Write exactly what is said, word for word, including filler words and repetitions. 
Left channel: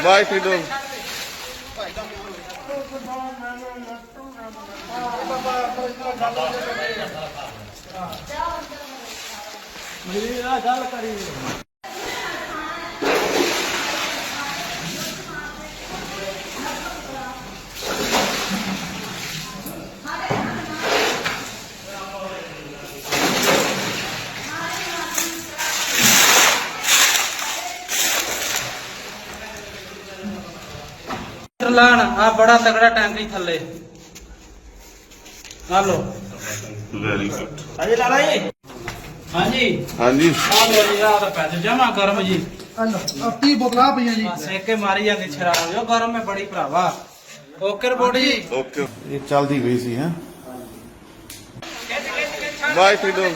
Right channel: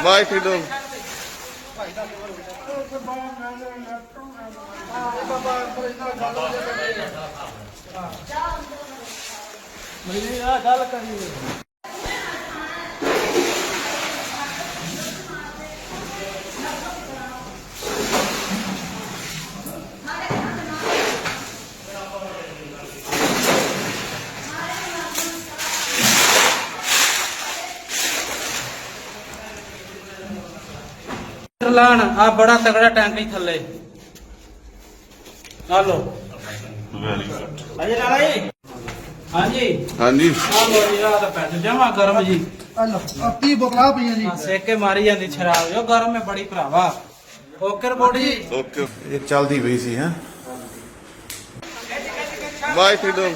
Vai, Freedom. गल करी लान आ बड़ा तगड़ा टैंक थले आ लो वेरी गुड। अजी लाला जी हाँ जी हाँ जी आ लो जी आ तो पैसे जमा गर्म जी की बोतला पी जी सेके मारी जाती शराब जो गर्म है बड़ी भरावा ओके रिपोर्ट जी ओके ये चलती पई सी हैं बाय फ्रीडम।